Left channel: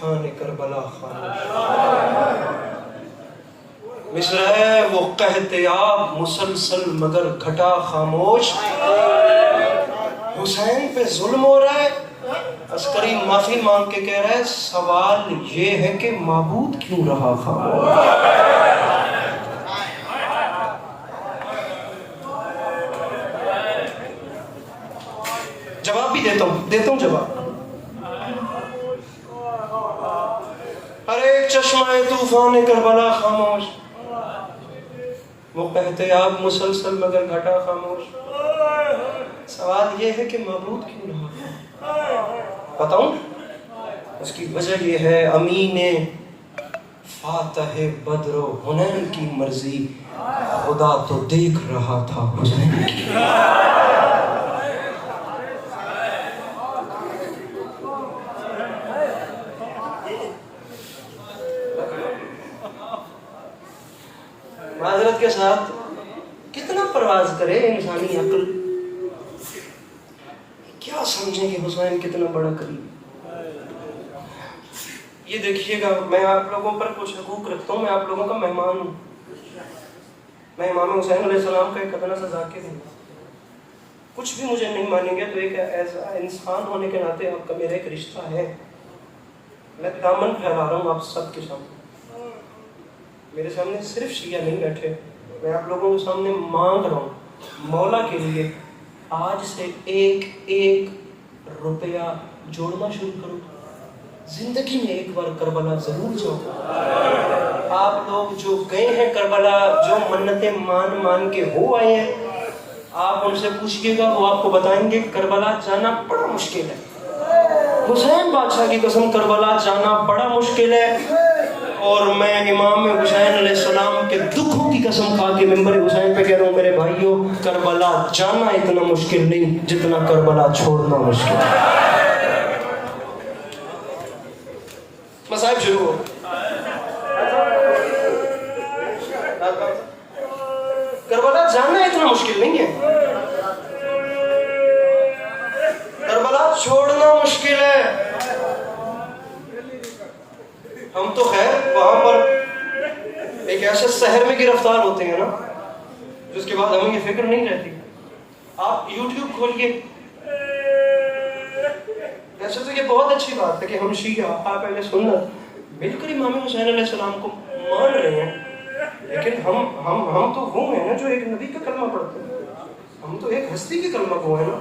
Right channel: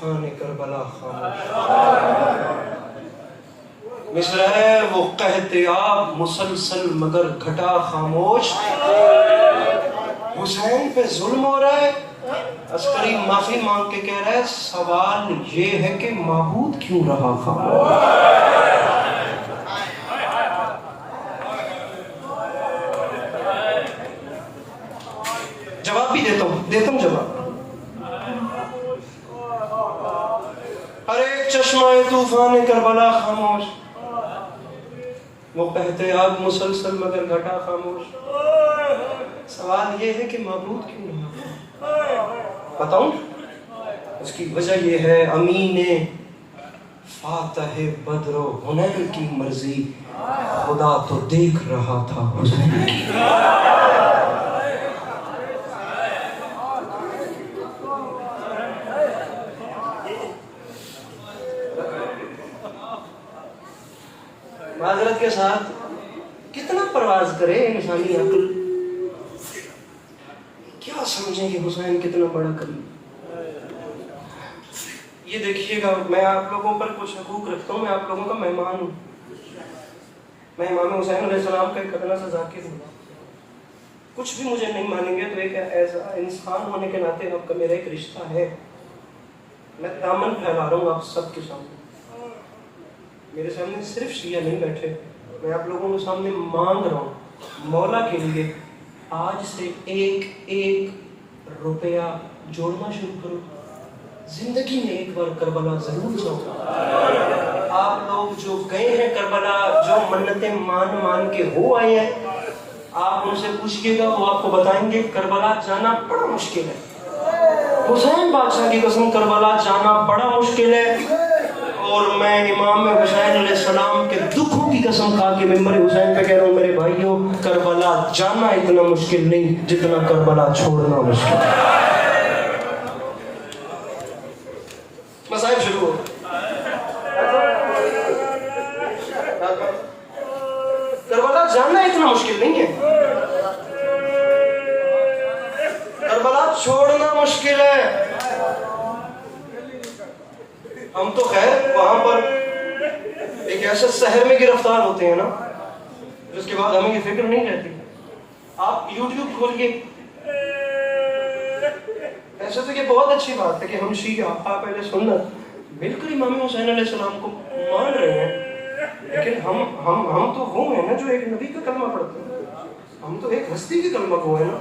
طوفان کربلا خاموش. مصر ہے وہ قحط آب مسلسل مگر گھٹا خاموش. حسین پہ ظلم ہو رہا ہے، عسکری معافی مانگ کے کہہ رہا ہے سوال یہ ہے کہ معبود کیوں رہا خاموش. جواب بھی دیتا ہوں جواب. ہر ایک چشمہ طوفان کربلا خاموش، وہ کہتے آپ مسلسل مگر گھٹا خاموش. سوال یہ ہے کہ معبود کیوں رہا. بتاؤں اس کی وجہ یہ ہے امین فاتح بدر و حنین کی مرضی خدا تو دیکھ رہا تھا حسین کی. معذرت کے ساتھ کتنا پرواز کرے انسانی عقل، کیا سمجھیں کہ حسین کتنا بڑا قریب. یہ دیکھیے گا میں آپ لوگوں پر کچھ حقوق رکھتا ہوں، میں آپ لوگوں کا مہمان ہوں. میں امام حسین علیہ السلام کا ایک ادنا سا ذاکر ہوں. کچھ بھی مجھے نہیں مانیں گے تو ایک ایسا انسان ہونے کے ناطے اب کا میرا ایک رشتہ ہے. میں دامن پھیلا رہا ہوں آپ سب کے سامنے. میرے سامنے صرف شیعہ نہیں بیٹھے، میں آپ لوگوں کے سامنے مانگ رہا ہوں مولا کے لیے آج سے ایک ایک روپیہ جوڑنا شروع کرو. زندگی میں ایک بار کربلا ضرور جاؤ. آپ لوگ جو گئے ہیں کربلا، جو منتیں مان کے ہو آئے ہیں، آپ ان سے پوچھئے گا وہ آپ کو بتائیں گے کربلا جانا بڑا مشکل ہے. حسین بادشاہ کی قسم کربلا جانا بڑا مشکل ہے. اور میں امام حسین علیہ السلام کے دکھوں کی قسم کھا کے ممبر حسین پہ کہہ رہا ہوں میرے بھائیوں، کربلا جانا اتنا مشکل نہیں جتنا کربلا چھوڑنا مشکل ہے. مصائب شروع ہو. کربلا جانا اتنا مشکل نہیں ہے، کربلا چھوڑنا مشکل ہے. ہم تو خیر وہاں پر ایک ایسے شہر میں گرفتار ہوتے ہیں نا جس کے بعد ہمیں یہ فکر نہیں رہتی. آپ یوٹیوب کھول کے، ایسے تو یہ بہت اچھی بات ہے کہ ہم شیعہ آپ پہلے سنت بالکل امام حسین علیہ السلام کو مان رہے ہیں، لیکن ہم تو وہ ہیں نا جو ایک نبی کا کلمہ پڑھتے ہیں. ہم تو ایک ہستی کے کلمہ کو ہیں نا.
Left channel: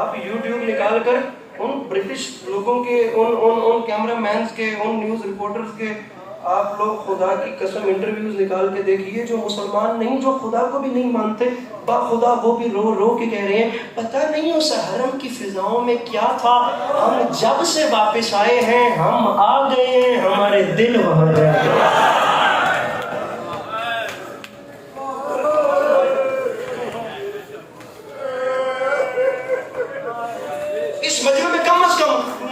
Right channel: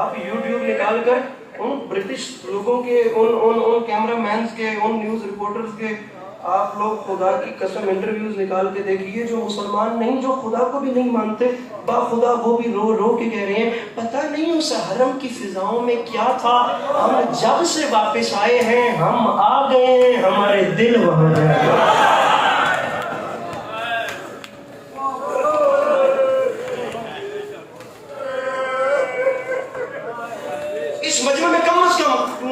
آپ یوٹیوب نکال کر ان برٹش لوگوں کے، ان کیمرہ مینز کے، ان نیوز رپورٹرز کے آپ لوگ خدا کی قسم انٹرویوز نکال کے دیکھیے جو مسلمان نہیں، جو خدا کو بھی نہیں مانتے، با خدا وہ بھی رو رو کے کہہ رہے ہیں پتہ نہیں اس حرم کی فضاؤں میں کیا تھا، ہم جب سے واپس آئے ہیں ہم آ گئے ہیں، ہمارے دل وہاں گئے.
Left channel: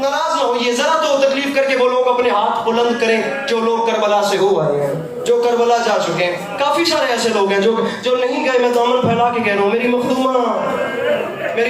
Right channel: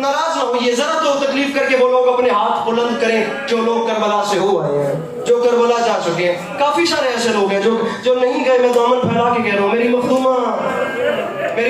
ناراض نہ ہوئیے، ذرا تو تکلیف کر کے وہ لوگ اپنے ہاتھ بلند کریں جو لوگ کربلا سے ہو آئے ہیں، جو کربلا جا چکے ہیں. کافی سارے ایسے لوگ ہیں جو نہیں گئے. میں دامن پھیلا کے کہہ رہا ہوں میری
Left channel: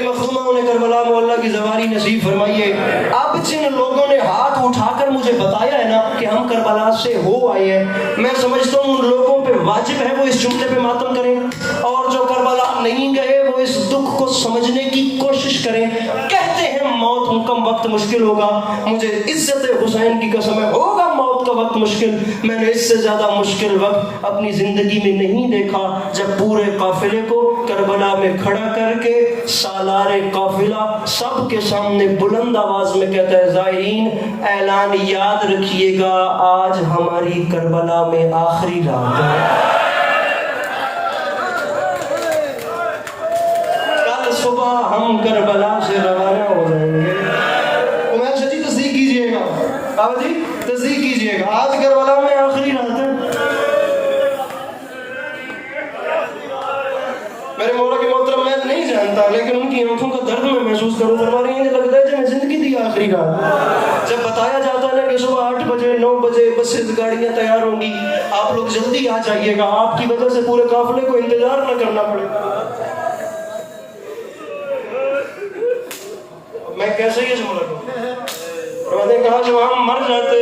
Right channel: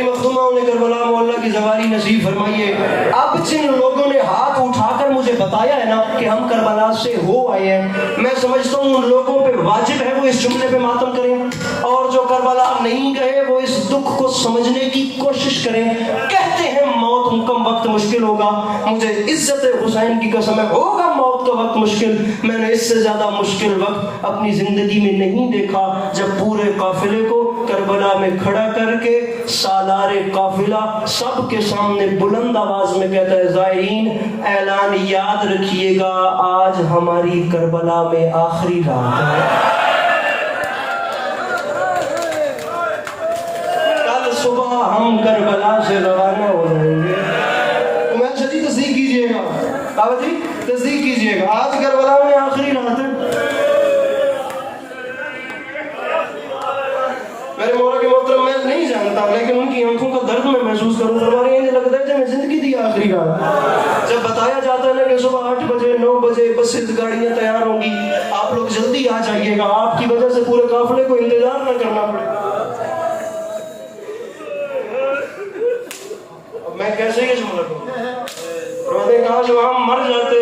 مخدومہ انہیں کربلا میں اللہ کی زواری نصیب فرمائیے. اب جن لوگوں نے ہاتھ اٹھا کر مجھے بتایا ہے نا کہ ہم کربلا سے ہو آئے ہیں، میں سمجھتا ہوں ان لوگوں پہ واجب ہے وہ اس جملے پہ ماتم کریں، اور جو کربلا نہیں گئے وہ اس دکھ کو سمجھنے کی کوشش کریں. کہتے ہیں موت کم وقت مشکل ہوگا، مجھے عزت حسین کی قسم ہے ہوگا موت کا وقت مشکل. میں نے اس سے زیادہ مشکل وقت اپنی زندگی میں نہیں دیکھا جب پورے قافلے کو کربلا میں کھڑا کر کے سالار قافلہ سب کے سامنے بلند آواز میں کہتا ہے زائرین اعلان یاد رکھیے گا آج ہماری کربلا میں آخری رات ہے. کل صبح ہم کربلا سے روانہ ہو جائیں گے. عمیر شاہ جی تصدیق کیجئے گا، آو جی تصدیق کیجئے گا آج کربلا میں آخری رات ہے. میرے مولا کے محترم میں نہیں جانتا لیکن ان کی آنکھوں کا درد میں محسوس کروں کروا رہی ہے. لگتا ہے کہ میں زندگی دی آخری رات. جب بتایا جاتا ہے نا کہ صبح 8 بجے 9 بجے بسیں گاڑیاں تیار ہوں گی، آپ لوگ جلدی آ جائیے گا، آپ کی وجہ سے پورے قافلے کو انتظار نہ کرنا پڑے. میں کیسے یہ سمجھ رہا ہوں؟ کہاں سے ہم مر جاتے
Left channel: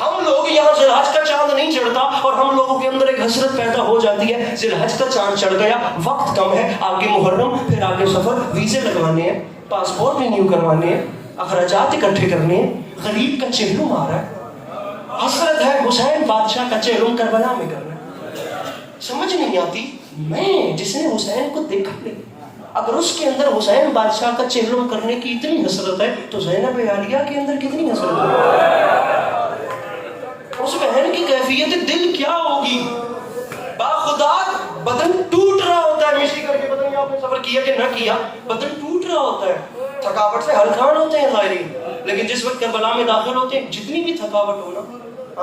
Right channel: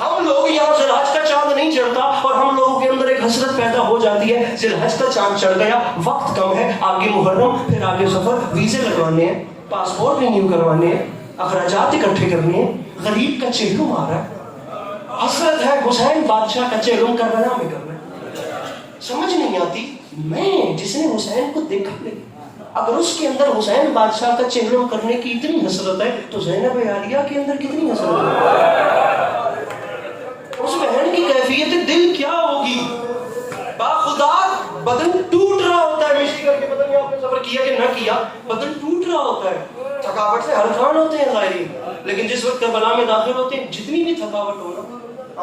ہم لوگ یہاں ذوالحج کا چاند نہیں چڑھتا اور ہم لوگوں کے اندر ایک حسرت پیدا ہو جاتی ہے، ذوالحج کا چاند چڑھ گیا، وقت کم ہے، آگے محرم، پھر آگے سفر، ویزے لگوانے ہیں، پاسپورٹ رینیو کروانے ہیں، اخراجات اکٹھے کرنے ہیں، غریب کا چہلم آ رہا ہے، حسرت ہے حسین بادشاہ کا چہلم کربلا میں کرنا ہے۔ سمجھ نہیں آتی، میں جس نے حسین کو دیکھا نہیں، اگر اس کے اندر حسین بادشاہ کا چہلم کرنے کی اتنی حسرت ہے تو زینب عالیہ کے اندر کتنی حسرت ہے؟ اس بہن کی کیفیت دل کیا ہوگی؟ باخدا بدن ٹوٹ رہا ہوتا ہے، مشی کر کے بدن، آپ نے سفر کیا کہ نہ کیا، بدن ٹوٹ رہا ہوتا ہے، تھکاوٹ سے ہلکان ہوتے ہیں ظاہری، لیکن جس وقت کربلا میں داخل ہوتے ہیں جتنی بھی تھکاوٹ ہونا،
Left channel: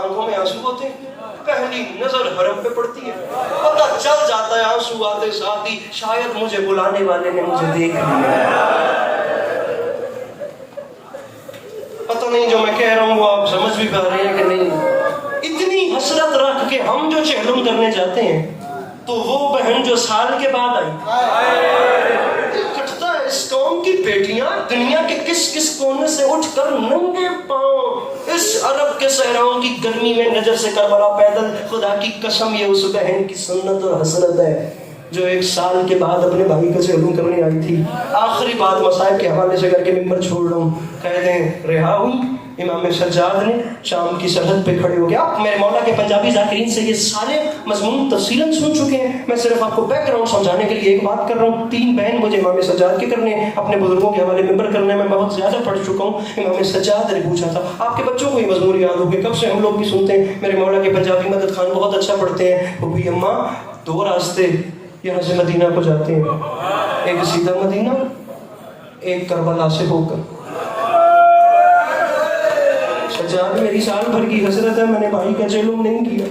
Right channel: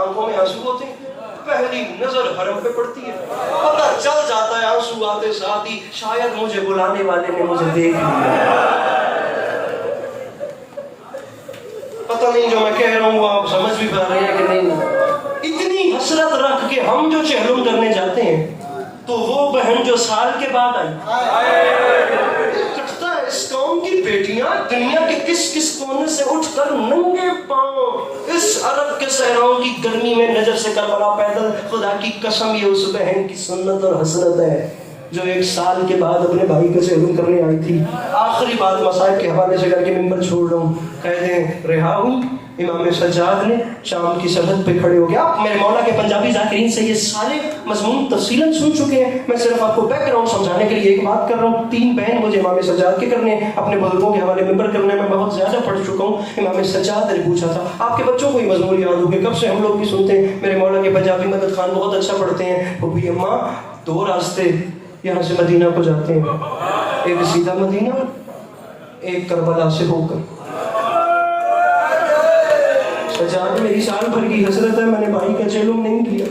آنکھوں میں آنسو ہوتے ہیں، پہلی نظر حرم پہ پڑتی ہے، پتہ چل جاتا ہے آنسو آتے ساتھ ہی شاید مجھے بلانے والے نے مجھے دیکھ لیا۔ پتہ نہیں جو میں کہہ رہا ہوں آپ سمجھ بھی پا رہے ہیں کہ نہیں؟ اتنی حسرت رکھ کے ہم جو چہلم کرنے جاتے ہیں تو وہ بہن جو سال کے بعد آئی، کٹتا ہے اس قوم کی بیٹیاں دنیا کے کس کس کونے سے اٹھ کر ننگے پاؤں اس عرب کے صحراؤں کی گرمی میں نجر سے کربلا پیدل، خدا کی قسم یہ اس بہن کی سنت اور حسرت ہے جو 1 سال کے بعد اپنے بھائی کو چہلم کرنے آئی تھی۔ آخری بات مصائب کے حوالے سے کر کے ممبر چھوڑ رہا ہوں، کہہ دیں رہا ہوئی، امام سجاد نے شام کی سرحد پہ کھڑے ہو گیا۔ آپ میرے مولا کے پنجابی ذاکرین سے یہ سارے مضمون تفصیلاً سن چکے ہیں، میں صرف آپ کو بیک گراؤنڈ سمجھانے کے لیے ایک بات کر رہا ہوں۔ 3 بین مجھے امام سجاد کے کرنے ہیں، اپنے بزرگوں کے حوالے ممبر کرنے میں بہت زیادہ پڑھ چکا ہوں۔ امام سجاد نے پوچھا تھا، آپ کے بچوں کو یہ مضمون یاد ہوگے، کب سے ہم لوگ بھی سنتے ہیں، میرے مولا کے پنجابی مدد خان بہت اچھا پڑھتے ہیں، وہ بھی اماں 2 راستے یہاں سے مدینہ کو جاتے ہیں، ایک سیدھا مدینہ، ایک کربلا سے ہو کر۔ سجاد میری سال بھر کی حسرت ہے، میں نے بھائی کا چہلم نہیں کیا۔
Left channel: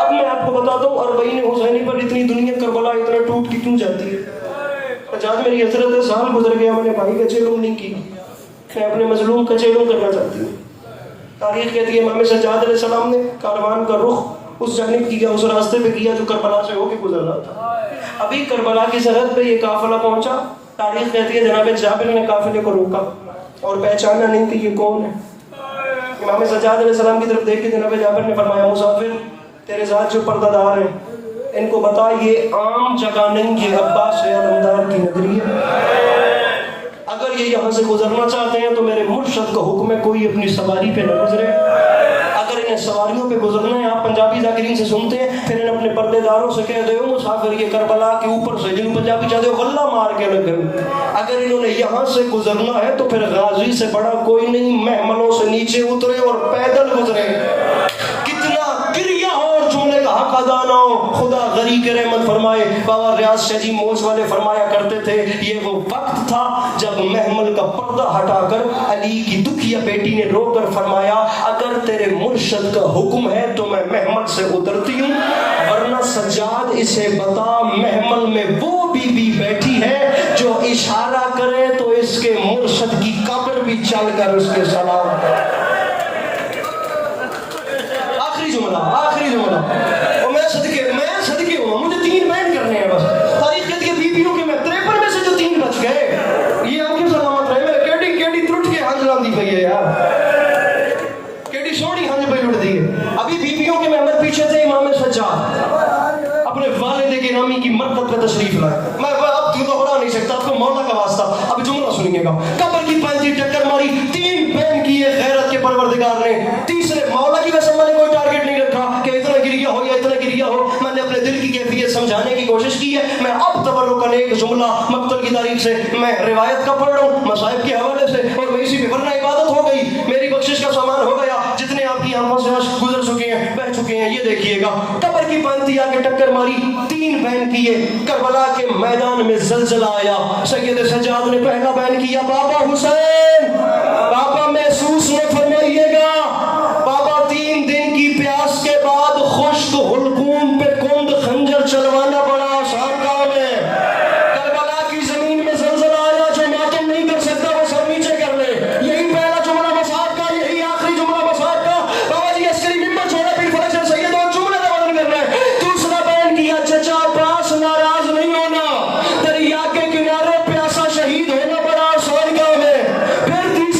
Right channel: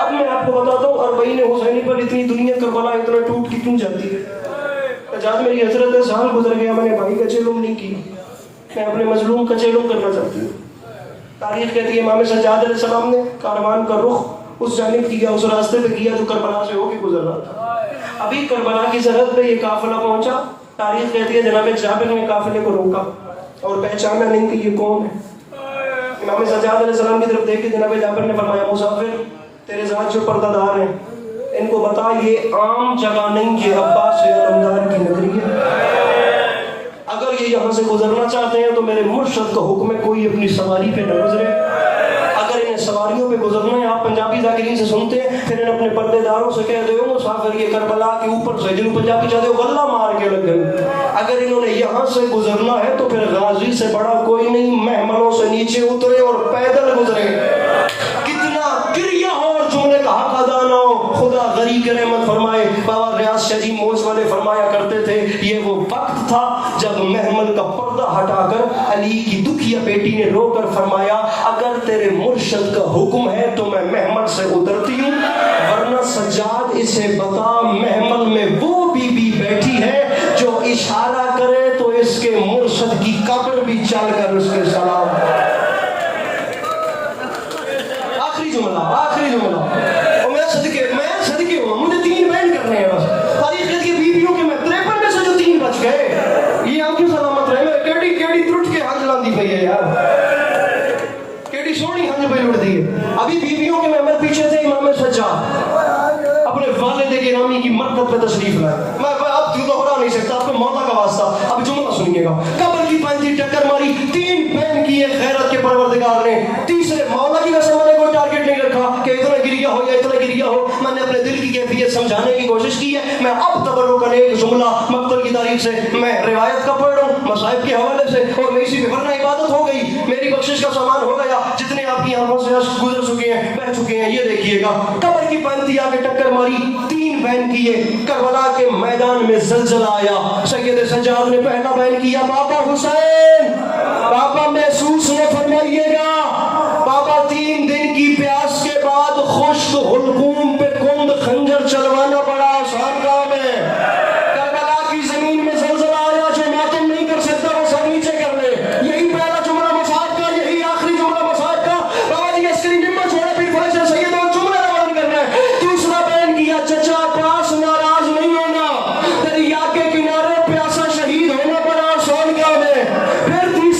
اب میں آپ کو بتاتا ہوں 40 حسینی پر اتنی دنیا کربلا اتنا ٹوٹ کی کیوں جاتی ہے؟ سجاد میری حسرت ہے، سال گزر گیا، میں نے بھائی کا چہلم نہیں کی، میں اپنے مظلوم کا چہلم کرنا چاہتی ہوں۔ تاریخ کہتی ہے امام سجاد علیہ السلام نے کاروان کا رخ اس جانب کیا، اس راستے پہ کیا جو کربلا سے ہو کے گزر رہا تھا۔ ابھی کربلا کی سرحد پہ یہ قافلہ پہنچا، تاریخ کہتی ہے جناب جابر نے قافلے کو روکا اور پہچانا نہیں کہ یہ کون ہے۔ امام سجاد علیہ السلام کی طرف دیکھ کے جناب جابر نے فرمایا مسافر تیرے ذات جو پردہ دار ہیں ان کو بتا یہ عام جگہ نہیں، یہ عباس علمدار کی نگری ہے، اگر یہ یہاں سے گزرنا چاہتے ہیں تو میرے مرشد کا حکم ہے کوئی اپنی سواری پہ نہ گزرے، اگر انہیں سواریوں پہ گزرنا ہے، آپ پنجابی ذاکرین سے سنتے ہیں، پھر انہیں اپنے پردے داروں سے کہہ دو مسافر یہ کربلا کے اوپر سے، جنہوں پنجابی چاہتے ہو غلہ مار کے لگے، اگر انہوں نے یہاں سے گزرنا ہے تو پھر غازی سے بڑا کوئی نہیں، محملوں سے نیچے اترے اور پیدل گزرے۔ کتنا گریہ ہو اور جملے کا حق ادا نہ ہو، خدا غریق رحمت فرمائے، بابا ریاض شاہ جی موج والے فرمایا کرتے تھے یہ وہ وقت تھا جب محمل کا پردہ ہٹا کر علی کی دکھیا بیٹی نے رو کر فرمایا اگر تیرے مرشد کا حکم ہے تو میں محمل سے اترتی ہوں، ورنہ سجاد اسے بتا محمل میں وہ بی بی بیٹھی ہے جو اشارہ کرے تو اس کے مرشد کی قبر بھی چل کر اس کے سلام۔ آخری جملہ اور میں صدقے ہوا، مجھے 3 بین کرنے ہیں بس، تاریخ کی بیویوں کے میں 53 میں سے جو 3 بچ گئے، یہ آپ کی سلامت رہے، میرے کیڑی ترٹ کے ہنج لاندی پئی ہے یار، کیڑی سونی ہنج پہ لٹ دی ہے۔ ابھی بیویوں کے ممبر پیچھے تھے امام سجاد اپنے والد گرامی کی مرکب پہ تشریف لائے، میں اب تو ہو نہیں سکتا، آپ کو مولا کا واسطہ اب جملہ سنیے گا، قبر کی 35 ٹکر ماری، 3 بین کیے غیرت کے پروردگار نے، تیسرے مولا کی قسم میں نے کوئی ٹارگٹ نہیں رکھا کہ اتنا گریا ہو یا اتنا گریا ہو، میں نے اپنے دل کی کیفیت سمجھانے کی کوشش کی ہے۔ میں اب تبرکاً ایک جملہ مقتل کی تاریخ سے میں روایت کا پڑھ رہا ہوں مصائب کے حوالے سے، اور میں اسی پہ ورنہ عبادت ہو گئی، میری بخشش کا سامان ہو گیا، جتنے آپ کی آنکھوں سے اشک گزر چکے ہیں بہ چکے ہیں، یہ دیکھیے گا قبر کی 35 آگے ٹکر ماری، 3 بین کیے، کربلا کے میدان میں زلزلہ آیا، سید سجاد نے پہلا بین کیا بابا حسین، بابا محسوس نہ فرمائیے گا، بابا 3 دن کی پیاس کے بعد خشک حلقوم پہ کند خنجر چلوانا بڑا آسان کام ہے، کربلا کی زمین میں زلزلہ آیا، جو ماتم نہیں کر سکتا وہ سر نیچے کر لے، یہی پہلا جملہ مصعب کا، یہی آخری جملہ مصعب کا، بابا جی عسکری نمبر چھوڑا پھر فرض ہے سید اور جملہ روان کرنا ہے۔ دوسرا بیان کیا چچا پاس ناراض نہیں ہونا، دریا کے کنارے پیاسا شہید ہونا بڑا آسان کام ہے، پھر تیسرا